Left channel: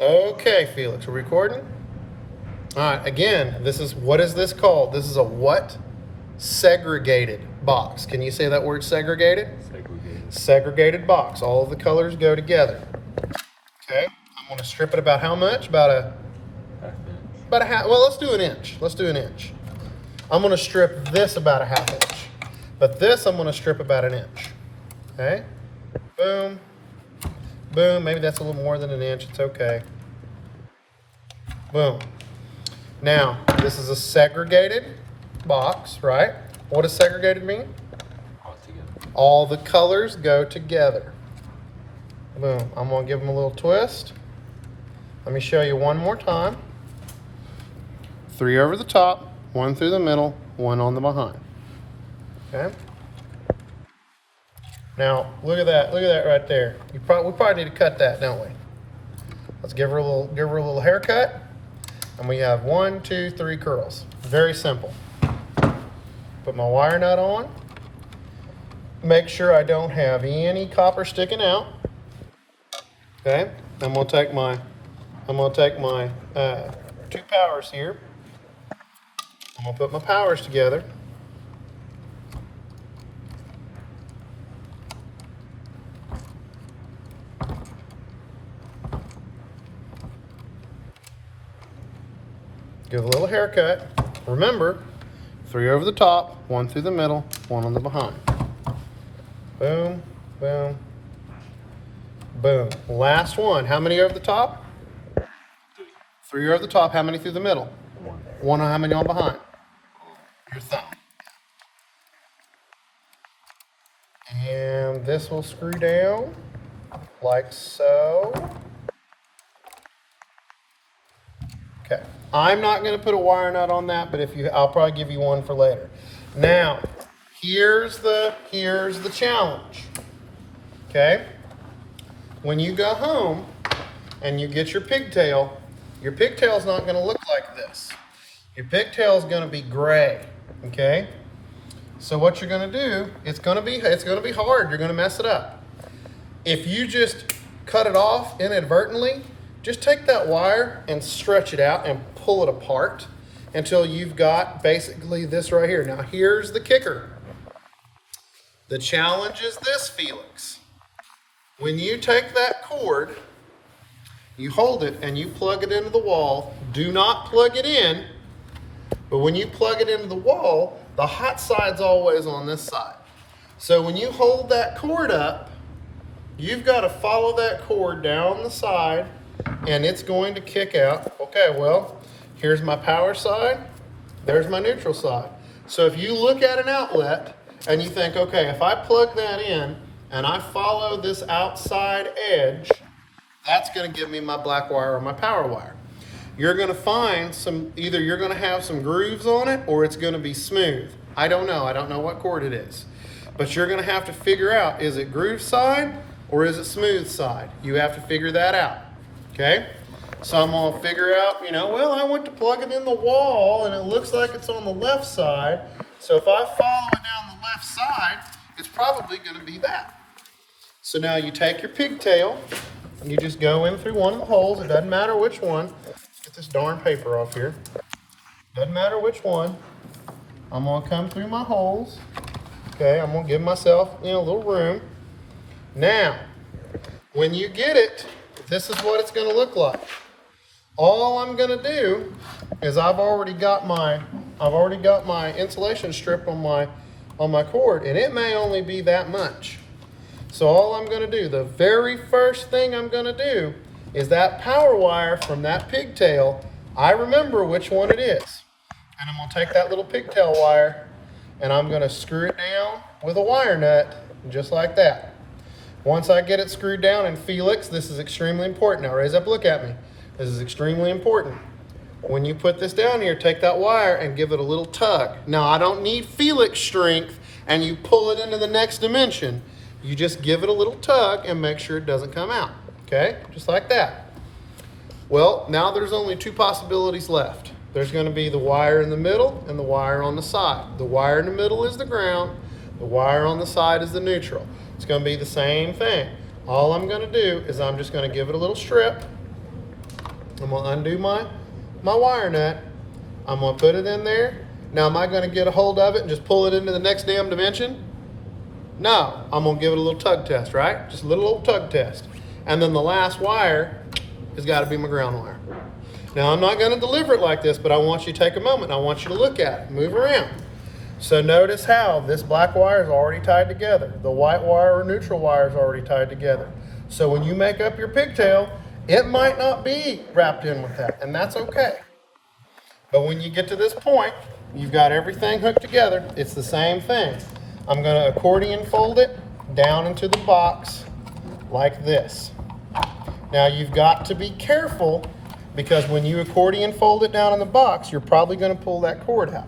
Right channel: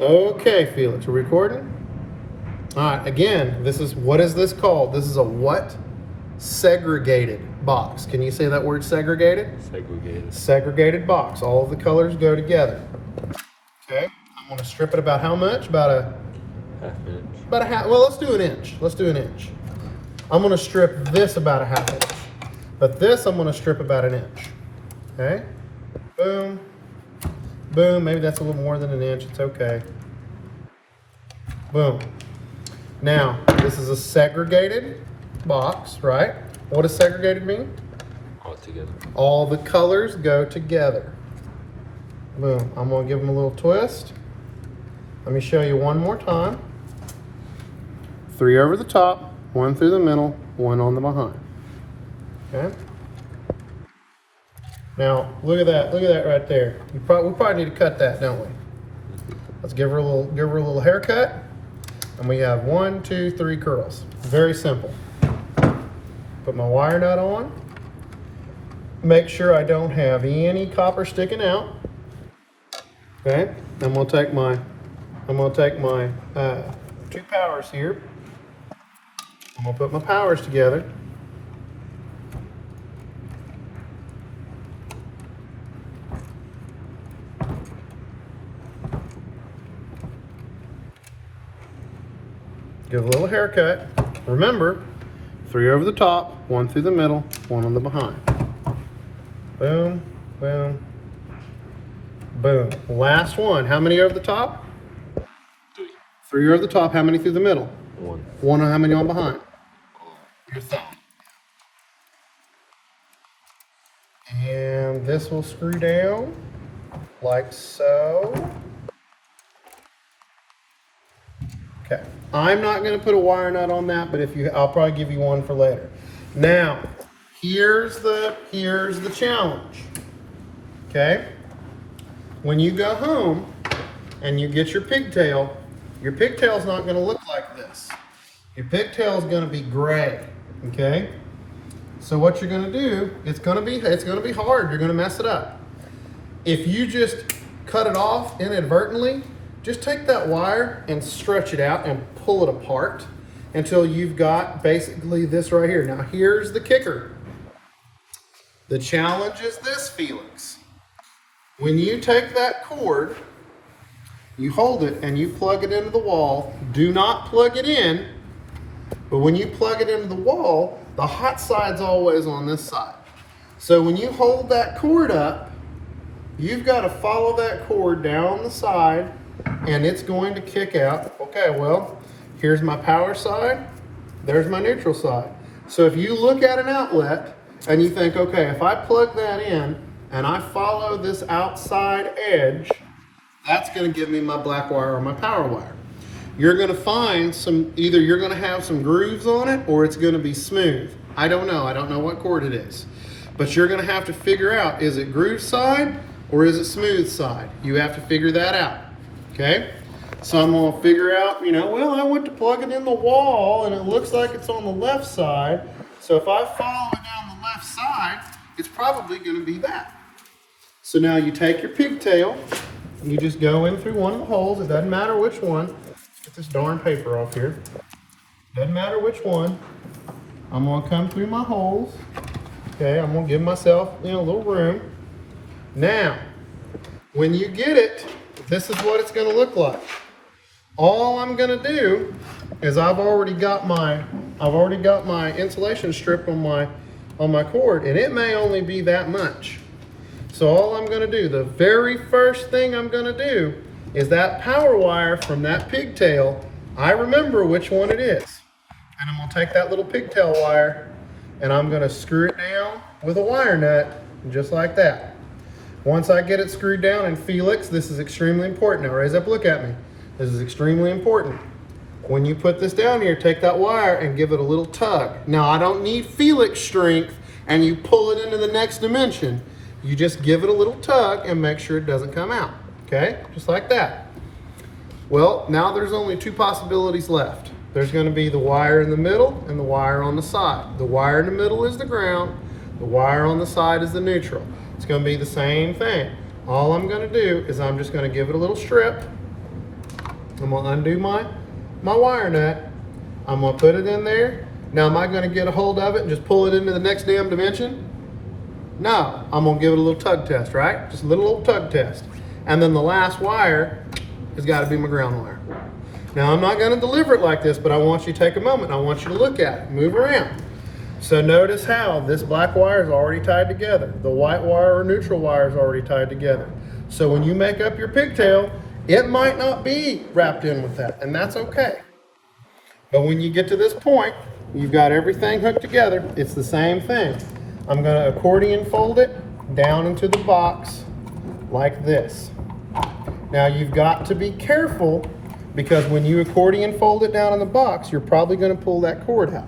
Okay, Felix, we're recording? All right, again, what is this called? This is a what? Segregated box. Can you say that word segregated? Segregated. Segregated box. All of the colors go together. Okay, I'm going to strip it about how much? About a half. Well, let's do an inch. Let's do an inch. I'm going to strip this about a half inch. But this I'm going to strip about an inch. Okay? Boom. Boom. Maybe that's a little more than an inch. It's okay. Boom. Now, this is a segregated box, right? What does segregated mean? All together. All the colors go together. Boom. I'm going to give them a little twist. Let me show you one more time. 3 over the top, 1 through the middle, 1 on the behind. Okay? Now, look at that right there. We probably need to cut that, don't we? Let's give her a little haircut. And we have 1, 2, 3 curls. Very simple. Put my wire nut on. Make sure I don't have any copper sticking out. Okay? I'm gonna take my 2 powers here. I'm gonna put my powers together. Give a little haircut. Remember, 3 over the top, 1 through the middle, 1 on the behind. Boom, boom, boom. Last one. How many over the top? 3 over the top. How many through the middle? 1. 1. How many on behind? Your thumb. And this will screw down like so. Okay, I'm not going to put a wire nut on that, but I'll probably give you one for later. Now, here's the challenge. Okay, when you go home and you get your pigtail's not going to look like this. Your pigtail's going to be gray. Okay, so what you're going to do, it's going to be hard. You're going to mess it up. If you just cut it off inadvertently, just take that wire and stretch it out and pull it apart until you've got basically this right here. Now here's the kicker. The challenge is this, Felix. When you take that cord, you hold it and you plug it into the wall. Do not plug it in, but when you plug it into the wall, the hot side's always on this side. So when you hold that cord up, you've got to follow that cord down the side and it's going to kick out. Okay, well, here's my power side, there's my neutral side. So if you look at an outlet and you think, okay, if I plug that in and I follow this outside edge, that's going to give me my black wire or my power wire. You're going to find either you're going to have some grooves on it or it's going to be smooth. I don't know what cord it is. But you're going to have to figure out, is it groove side or is it smooth side? You have to figure that out. Okay, so I'm going to figure out, well, I went to plug it in the wall and it looks like it's on the left side. So if I follow it down the left side, it's probably going to be that. So now you take your pigtail and you just go in through one of the holes. It doesn't matter which one. Let's get this darn paper off here. Doesn't matter which one. I'm going to come through my holes. Okay, I'm going to give myself a little room. Now, when you get it, this is what it's going to look like. All I'm going to do is I've already got my insulation strip on my cord, and it may only be that much. So all I'm going to do, the very first thing I'm going to do is that power wire from that pigtail. I remember which one it is, and I'm going to take that little pigtail wire and I'm going to screw it down with a wire nut, just like that. Once I get it screwed down, and Felix, this is extremely important. Now raise up, look at me. This is extremely important. When you put this down here, take that wire and give it a little tug. Now I don't need Felix strength and you pull it into the next dimension. You just give it a little tug and make sure it doesn't come out. Okay, just like that. Well, now there's only 2 possibilities left. There's going to be the wire in the middle and the wire on the side. The wire in the middle is the ground. The wire on the side is the neutral. It's going to be the same thing. All I'm going to do is I'm just going to give it a little strip. I'm gonna undo my wire nut. I'm gonna put it in there. Now, am I gonna get a hold of it and just pull it into the next damn dimension? No, I'm gonna give it a little tug test, right? Just a little old tug test. And then the last wire has gotta be my ground wire. Now, I'm not gonna deliver it like this, but I want you to take a moment. I want you to look at it, move around. So notice how this black wire is already tied together. The white wire or neutral wire is already tied together. So when you make up your pigtail, it might not be wrapped in with that, and that's okay. But when you get to this point, you've got everything hooked together. It's the same thing. I'm going to accordion fold it down into the box like this. Now you've got to be careful because when you accordion fold it down in the box, you're probably going to pull that cord out.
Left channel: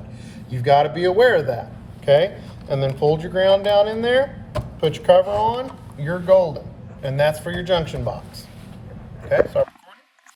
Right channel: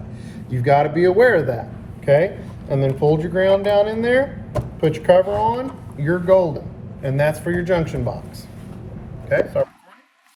You've got to be aware of that, okay? And then fold your ground down in there, put your cover on, you're golden. And that's for your junction box. Okay, sorry.